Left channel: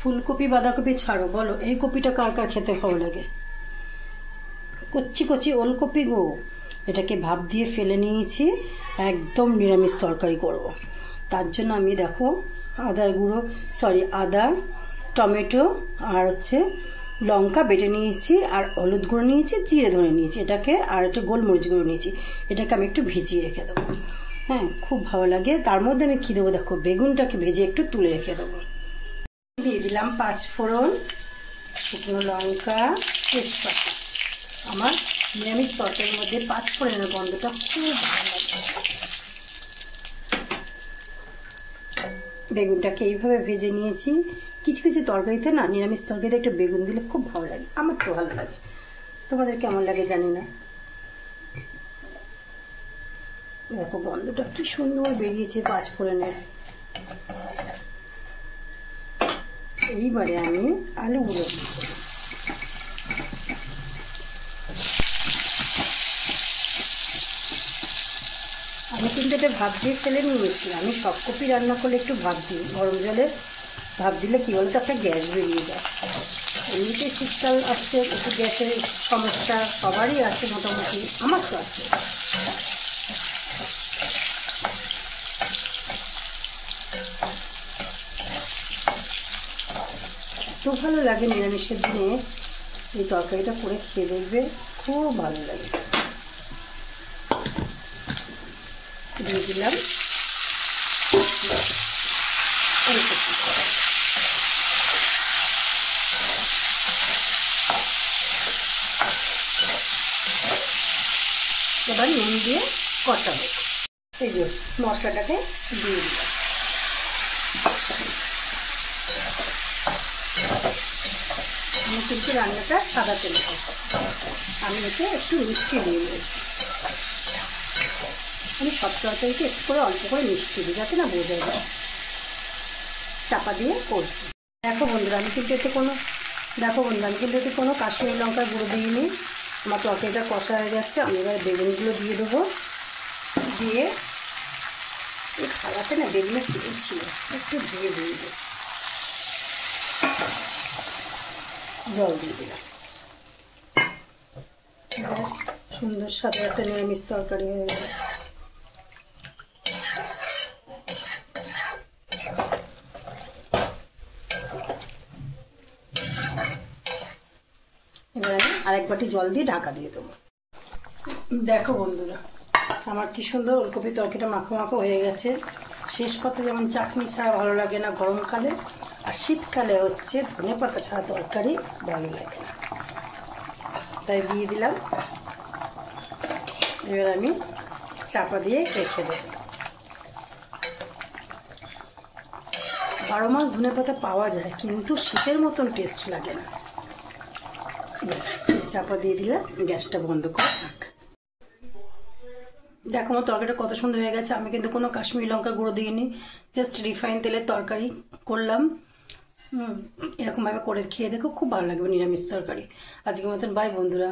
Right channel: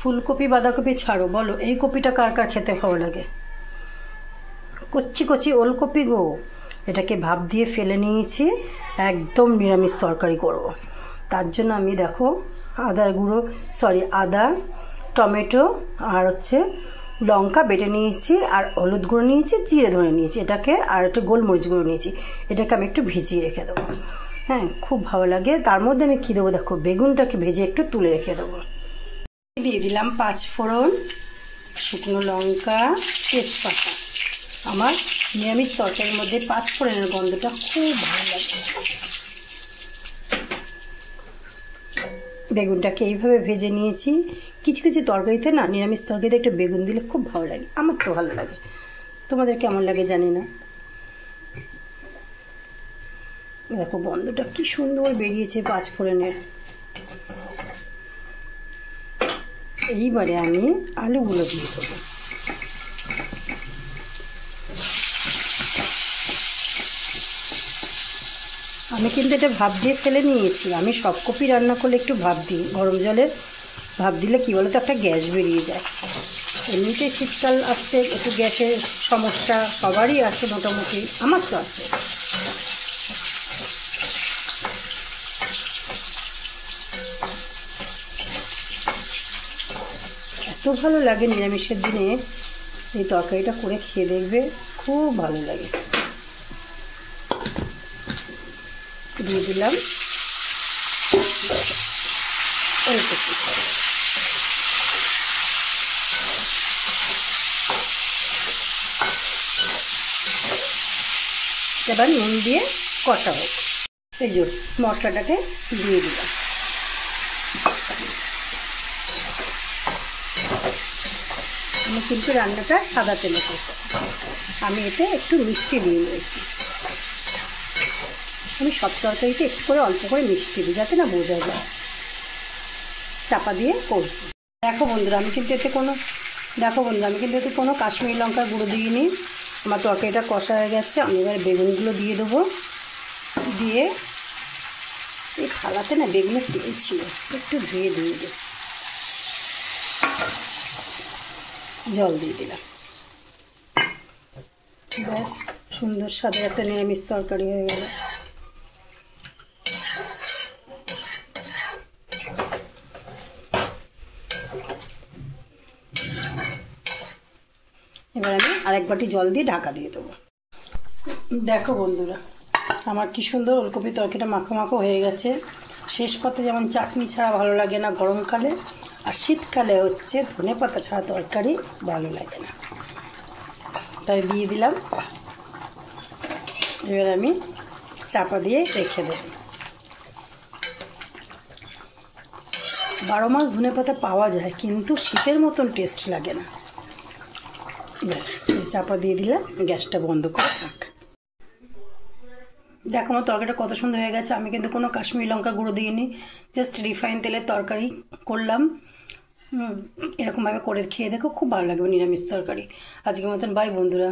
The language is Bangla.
ফুলকপি বাঁধাকপি ছাড়ো, বলো এই কপিটা কার কার খেতে ভালো লাগে? কচি কচি ওলকপি গো, এটাকে ভাপ দিয়ে ফেলে নিয়েছি, একদম নিরামিষ তরকারি করব। তার জন্য আমি দেখো আদা, টমেটো আর লঙ্কা বেটে নিয়েছি, আর হলুদ গুঁড়ো নিয়েছি, জিরে ধরে নিয়েছি এটাকে, আর একটু গোলমরিচ গুঁড়ো নিয়েছি। এটাকে আমি একটু ভিজিয়ে রেখে দেবো। হ্যাঁ, খুব ভালো লাগে। তার মধ্যে আমি কী দেবো দেখো, বেগুনটাকে ভেজে একটু তুলে রেখে দেবো। দিয়ে দিলাম 5 ফোড়ন, শুকনো লঙ্কা, তেজপাতা। আমার নিরামিষ তরকারির মধ্যে 5 ফোড়নের গন্ধটা খুব ভালো লাগে। বেগুনটাকে এইভাবে ভেজে নিয়েছি। কিছু কিছু তরকারিতে না, নিরামিষ তরকারিতে একটু বেগুন দিলে খুব ভালো লাগে, আমার তো ভালো লাগে। তোমাদের কেমন লাগে জানি না। দেখো গন্ধটা কি সুন্দর বেরিয়েছে 5 ফোড়নের। এইবারে আমি আলুগুলো দিয়ে দেবো। আমি কিন্তু এটা ভাপ দিয়ে ফেলে নিয়েছি। আমি সব কপি রান্না করলে একটু ভাপ দিই, গরম জলে ভাপ দিলে কী বলো তো, একটা গ্যাস বেরিয়ে যায়। এমনিতেই শীতকাল আসছে, একটু গ্যাসের সমস্যা সবারই আছে মোটামুটি, আমার তো আছে। এত ভালো লাগে নিরামিষের দিনে এই তরকারিটা করে খেয়ে দেখবে, খুব ভালো লাগে। দিয়ে দিলাম ওলকপি। এবার নুন দিয়ে কষা হবে। এই যে মশলাটাকে দিয়ে দিলাম। আমি কিন্তু রান্নাটা সাদা তেলে করছি। আমি এতে একটু মিষ্টি দিয়ে নিয়েছি। আমি সব তরকারিতে একটু করে অল্প করে মিষ্টি দিই, যাতে না বোঝা যায়। চাপা দিয়ে করছি। দেখো বন্ধুরা, আমি কিন্তু এতে কোনো কাশ্মীরি লঙ্কার গুঁড়ো দিইনি। আমার তরকারিটা কষা হয়ে গেছে। আমি এবার বেগুনগুলো দিয়ে দেবো। দিয়ে এই থালাতে না বেগুনের তেল ছিল, একটু ধুয়ে দিয়ে দেবো। জল দিয়ে দিলাম। বেশ সুন্দর স্বাদের একটা নিরামিষ তরকারি হয়ে গেল। এবার আমি আরেক বাটি জল দিয়ে ঢাকা দিয়ে দেবো। দেখো বন্ধুরা, আমার কি সুন্দর ওলকপি তরকারিটা মাখো মাখো হয়ে গেছে। শেষ পাতে যেমন চাটনি ছাড়া ভালো লাগে না গরমকালে, আর শীতকালে ধনেপাতা ছাড়া তরকারি ভালো লাগে না, তাই দিয়ে দিলাম। এবার আমি চাপা দিয়ে রেখে দেব। 12 মাস ধনেপাতা পাওয়া যায়, কিন্তু শীতের মতন টেস্ট লাগে না। ব্যাস, চাপা দিয়ে দিলে গ্যাসটা বন্ধ করে থাক। দেখো আমার তরকারিটা কত সুন্দর হয়ে গেছে। আমি কিন্তু কোনো কাশ্মীরি লঙ্কা গুঁড়ো দিইনি, জাস্ট রিফাইন তেলের তরকারি করলাম। এরকমভাবে করে খেয়ে দেখো, খুব ভালো লাগবে নিরামিষ তরকারি। আজকের মতন বাই বন্ধুরা।